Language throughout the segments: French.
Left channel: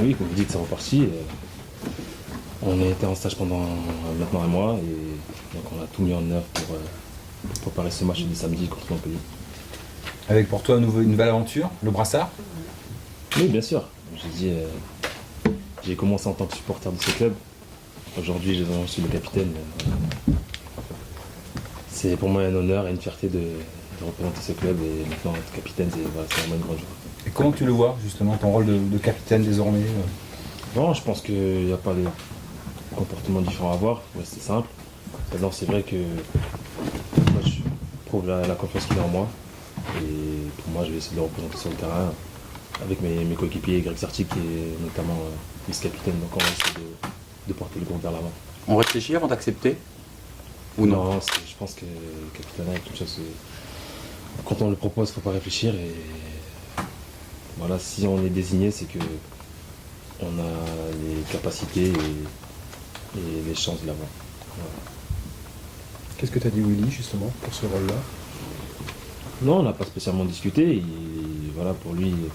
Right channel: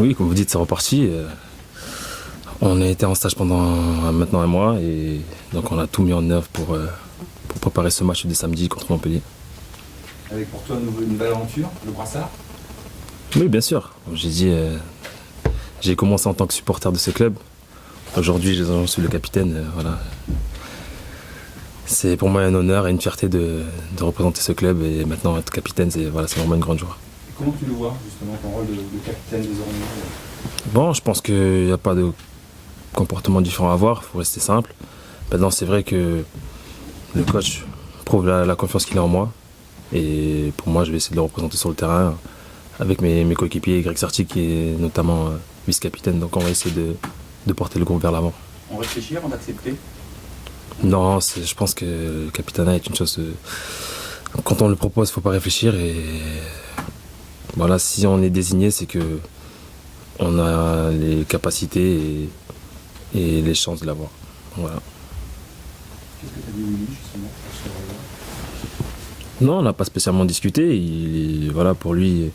Oui, comme vous dites, c'est reparti. On a été en stage pendant maintenant un mois et donc on a tout mis en œuvre pour préparer ce match de samedi contre Montpellier. Avec pour toi une nouvelle aventure, le brassard? Oui, bien sûr. J'ai commencé en tant que supporter de ce club. Aujourd'hui, je suis le capitaine. Voilà. C'est pour moi un honneur et une fierté de représenter ce club et maintenant être capitaine, c'est vraiment une grande joie. Et comment tu le vois justement, ton rôle de capitaine désormais? Bon, je pense qu'il n'y a pas de comportement différent à avoir, il faut rester simple. Maintenant, c'est vrai que le coach prouve la confiance qu'il a en moi. Et pour moi, je vais essayer de le représenter sur le terrain avec mes coéquipiers, Greg Sarti qui est notamment vice-capitaine. Donc on va essayer de porter le groupe vers l'avant. On réfléchit avant d'accepter? Non, je pense que le capitana est une chose... quand on le propose, il ne faut pas réfléchir. Et voilà, si on est désigné, c'est que on a les capacités et les chances de l'avoir. Voilà. Qu'est-ce que tu as dit Willy justement pour ce rôle-là? Non, on n'a pas spécialement discuté. Voilà, pour lui,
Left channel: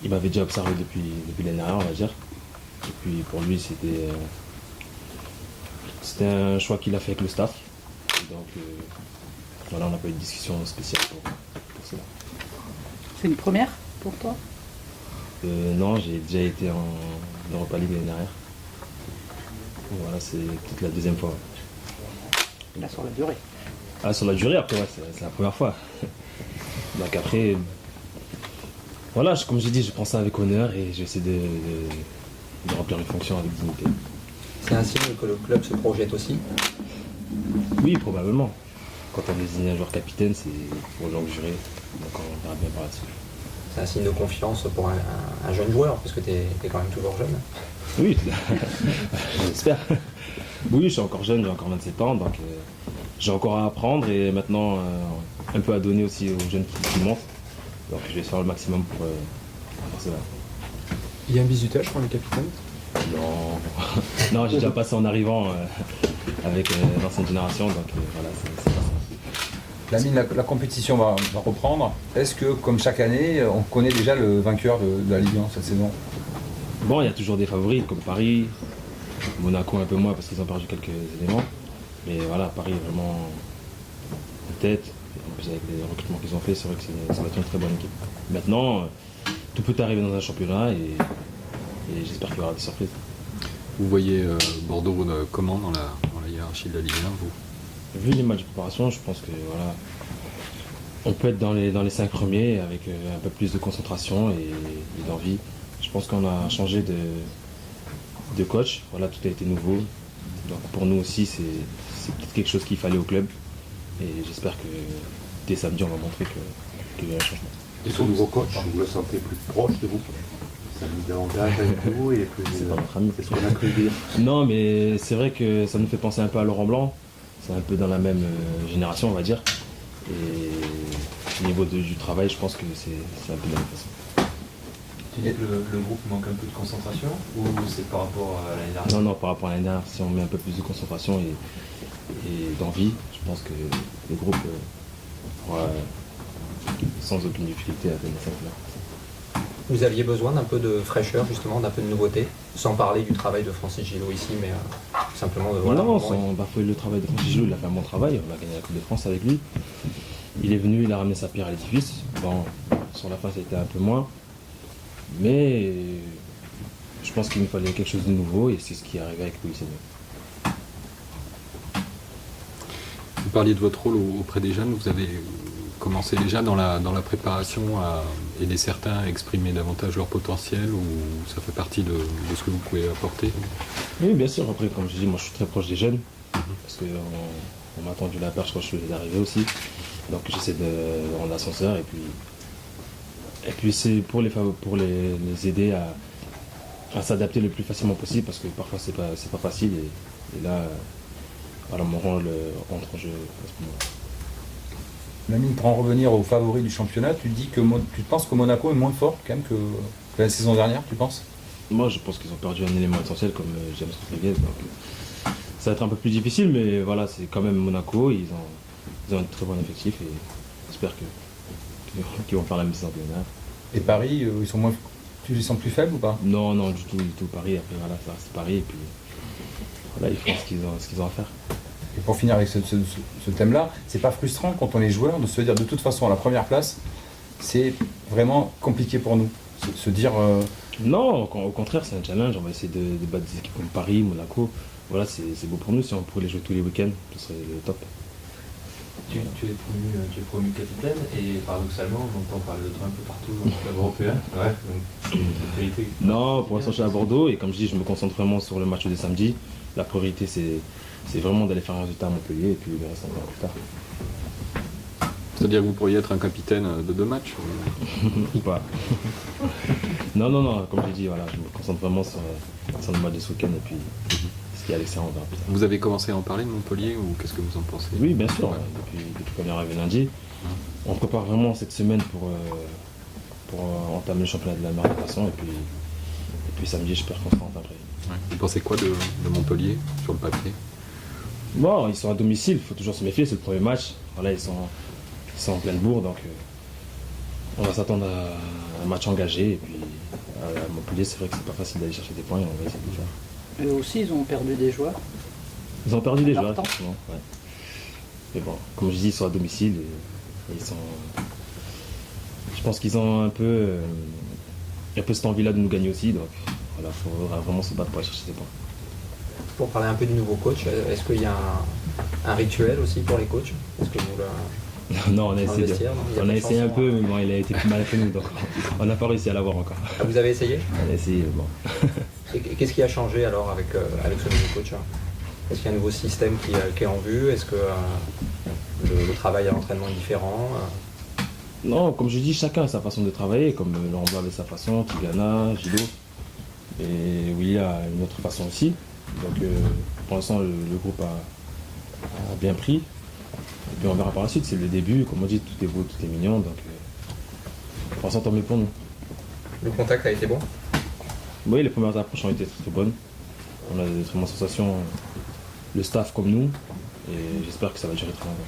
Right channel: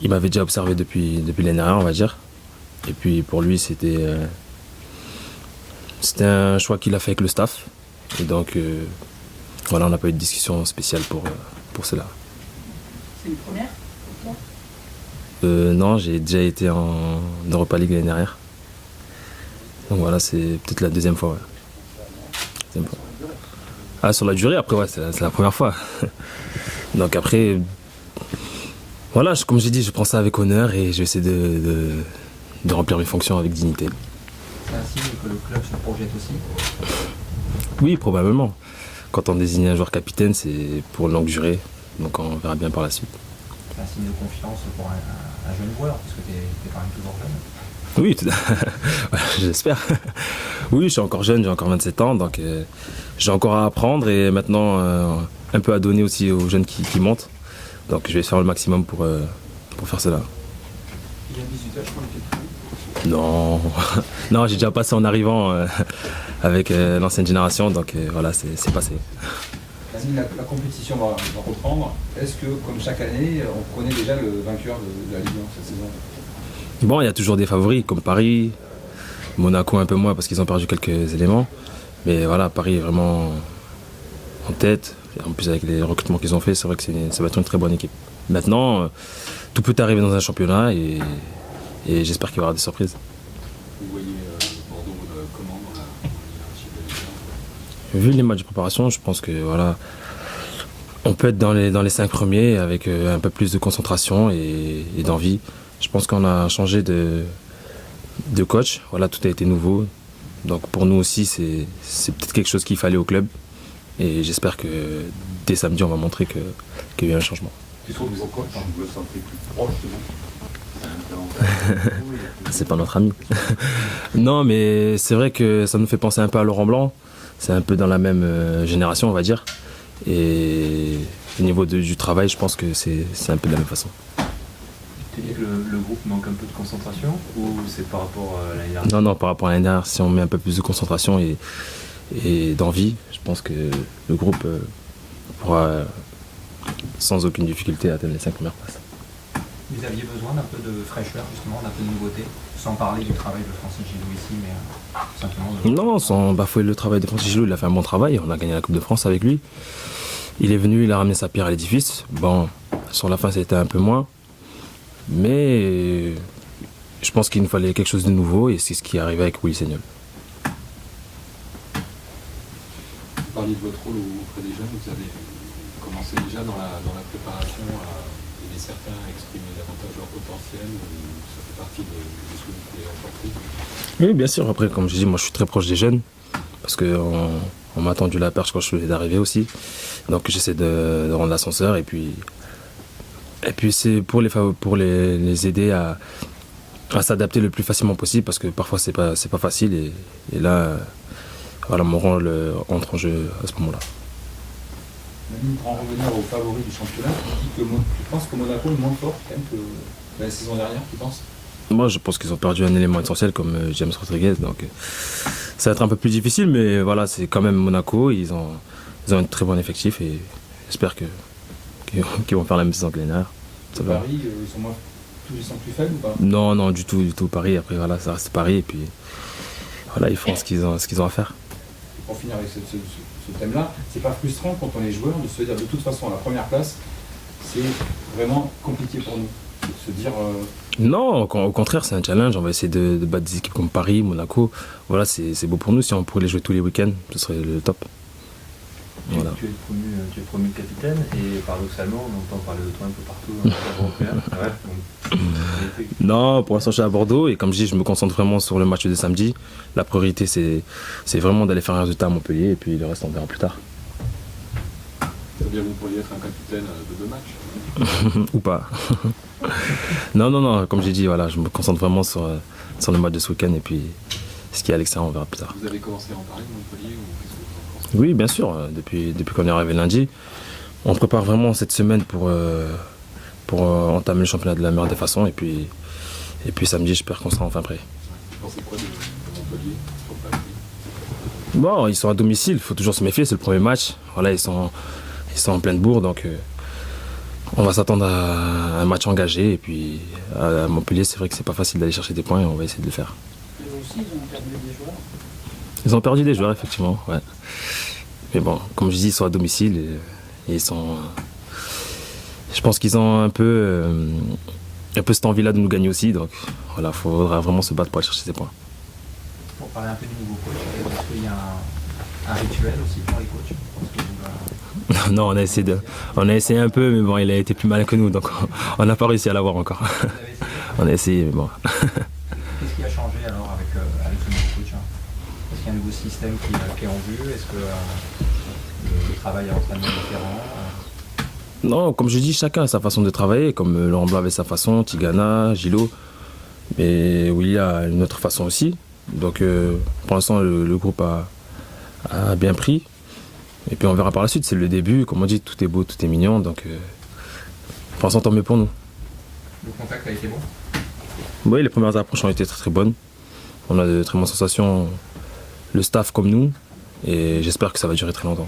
il m'avait déjà observé depuis l'année dernière, on va dire. Et puis pour lui, c'était un choix qu'il a fait avec le staff. Et donc, voilà, on n'a pas eu de discussion spéciale pour cela. C'est une première pour toi? Non, j'ai déjà été en Europa League l'année dernière. Donc voilà, c'est peut-être la deuxième fois. Ouais. Sur la durée. Ah, sur la durée, après, ouais, c'est la première fois. Donc après, voilà, comme j'ai dit, je prends ça avec honneur et je vais essayer de remplir mes fonctions avec dignité. C'est un signe que le club se projette aussi? Oui, probablement. Quand on désigne un joueur capitaine, c'est pour une longue durée. Donc on verra bien par la suite. C'est un signe de confiance pour un jeune joueur, parce que tu es quand même toujours jeune. Oui, j'espère. Oui, je suis encore jeune, j'ai encore 27 ans, donc j'ai encore à apprendre et maintenant un peu à donner aussi aux jeunes qui montent. Donc je vais faire le maximum pour faire cela. Il y a un bisutage pour le capitaine? Non, non, j'ai déjà passé en arrivant avec l'ancienne génération, donc voilà, c'est passé. La compétition va reprendre. Est-ce que, comme chaque année, on connaît déjà le vainqueur de la Ligue 1 cette saison? Bon, il y a toujours des favoris comme Paris, Monaco un peu moins parce qu'ils ont perdu quelques éléments. Mais voilà, Paris est vraiment en tête. En plus, avec les recrutements qu'ils ont fait, c'est vrai que ça va être une très bonne équipe. Maintenant, tout peut arriver dans un championnat et j'espère qu'il y aura des surprises. Vous voyez Bordeaux comment dans la hiérarchie de la Ligue 1 Vu les matchs de préparation, je pense que voilà, on peut être dans les 5 premiers avec un peu plus de concentration et d'envie. Je pense qu'on a changé de coach, voilà, tout a été nouveau. Donc pour nous aussi, c'est peut-être quelque chose qu'il fallait au club. Et j'espère que dès samedi, on va montrer qu'il y a eu un changement. Et son nouveau coach, vous le sentez plus proche de vous? C'est pas notre ami. Non, mais c'est vrai que ça nous fait penser un peu à Laurent Blanc. C'est un peu dans la même génération, on va dire. Et au niveau du travail, je pense que c'est un peu de la même façon. Tu dis que le groupe manque un peu de concentration ou c'est par rapport à l'année dernière? Non, par rapport à l'année dernière, si on met un peu plus de concentration et d'envie, je pense que le groupe pourra sans aucune difficulté atteindre les 5 premières places. Vous aviez besoin d'un peu de fraîcheur, justement, d'un peu de nouveauté, sans parler du travail de Francis Gillot ici, mais simplement de... Non, sans bafouer le travail de Francis Gillot, il a fait un bon travail, on a gagné la Coupe de France avec lui. Il est venu, il a ramené sa pierre à l'édifice. Bon, sur la fin, c'était un peu moins. Mais je pense qu'il nous fallait quelque chose de nouveau et c'est ce qui est arrivé avec Willy Sagnol. Vous parliez de votre rôle auprès des jeunes, vous avez commencé déjà dans la préparation à aider certains à exprimer davantage leur potentiel ou ça fait partie de ce que vous pouvez apporter? Oui, bien sûr. Après, comme je dis, moi je suis très proche des jeunes parce qu'on m'a tendu la perche quand je venais d'arriver aussi. Donc j'essaie de rendre l'ascenseur et puis c'est pour les aider à s'adapter le plus facilement possible parce que parfois c'est pas facile et là voilà, mon rôle entre en jeu à ce moment-là. Manu, pour en revenir aux favoris du championnat, tu penses que Monaco est moins fort quand même que la saison dernière, tu penses? Moi je pense qu'ils ont perdu un élément essentiel comme James Rodriguez, donc ça va être un peu plus difficile, mais voilà, c'est quand même Monaco, ils ont un très bon effectif et j'espère qu'ils vont faire la même saison que l'année dernière. Et Paris, ils sont moins Tu les sens plus faibles ou pas? Non, non, du tout. Paris, après, voilà, ça reste Paris. Et puis, voilà, ils font ce qu'ils ont à faire. Et pour finir avec ce thème-là, c'est pas frustrant quand on est joueur de se dire de toute façon à la première place, c'est vraiment compliqué pour nous. Se dire. Non, au contraire, c'est un challenge. On va essayer de battre des équipes comme Paris, Monaco. Voilà, c'est beau pour nous. Si on pourrait les jouer tous les week-ends, ce serait le top. Voilà. Tu es promu capitaine et paradoxalement, on entend parler de toi un peu partout dans le cadre européen. Ouais, donc, Non, pour l'instant, je suis à Bordeaux et comme je dis, je me concentre vraiment sur le match de samedi. La priorité, c'est vraiment d'aller faire un résultat à Montpellier et puis le reste, on verra plus tard. C'est-à-dire que vous pourriez être un capitaine de 2 matchs Ou pas. Non, comme j'ai dit, voilà, je me concentre vraiment sur le match de ce week-end et puis ce qui est à l'extérieur, on verra plus tard. Vous avez commencé à en parler de Montpellier ou qu'est-ce que vous en pensez? Oui, bien sûr, depuis qu'on est arrivé lundi. On prépare vraiment cette semaine pour entamer le championnat de la meilleure des façons et puis samedi, j'espère qu'on sera enfin prêt. Ouais. Vous pensez quoi de Montpellier sur le papier? Bon, ils sont à domicile, il faut toujours se méfier, c'est le premier match. Voilà, ils sont en pleine bourre, donc on va s'attendre à un match engagé. Et puis à Montpellier, c'est vrai que c'est pas facile d'aller chercher des points et on va essayer de le faire. Eux aussi, ils ont perdu des joueurs. Ils ont perdu des joueurs, effectivement, ouais. Mais bon, comme je dis, ils sont à domicile et ils sont. Je pense qu'ils ont un peu cette envie-là de nous gagner aussi, donc voilà, il faudra vraiment se battre pour aller chercher ces points. Pour parler un peu du nouveau coach, est-ce qu'il y a un rituel aussi pour les coachs? Est-ce que vous Non, on a essayé un peu, mais bon, il a été plus malin que nous, donc on n'a pas réussi à l'avoir encore. Vous avez essayé? On a essayé, mais bon. Qu'est-ce qui a changé alors avec ce nouveau coach? Est-ce qu'il y a un nouveau système qui est en vue? Est-ce que le travail à l'entraînement est différent? Non, comme je dis, chacun a sa façon de travailler, comme Laurent Blanc avait sa façon, Tigana, Gilo, mais Willy a une autre façon aussi. Donc pour l'instant, le groupe a bien pris. Et puis on verra par la suite, c'est le début, comme on dit, tout est beau, tout est mignon, donc pour l'instant, tant mieux pour nous. Le contact a été bon? Oui, les premières approches ont été très très bonnes. On a de très bonnes sensations, le staff comme nous, et j'espère que ça va durer très longtemps.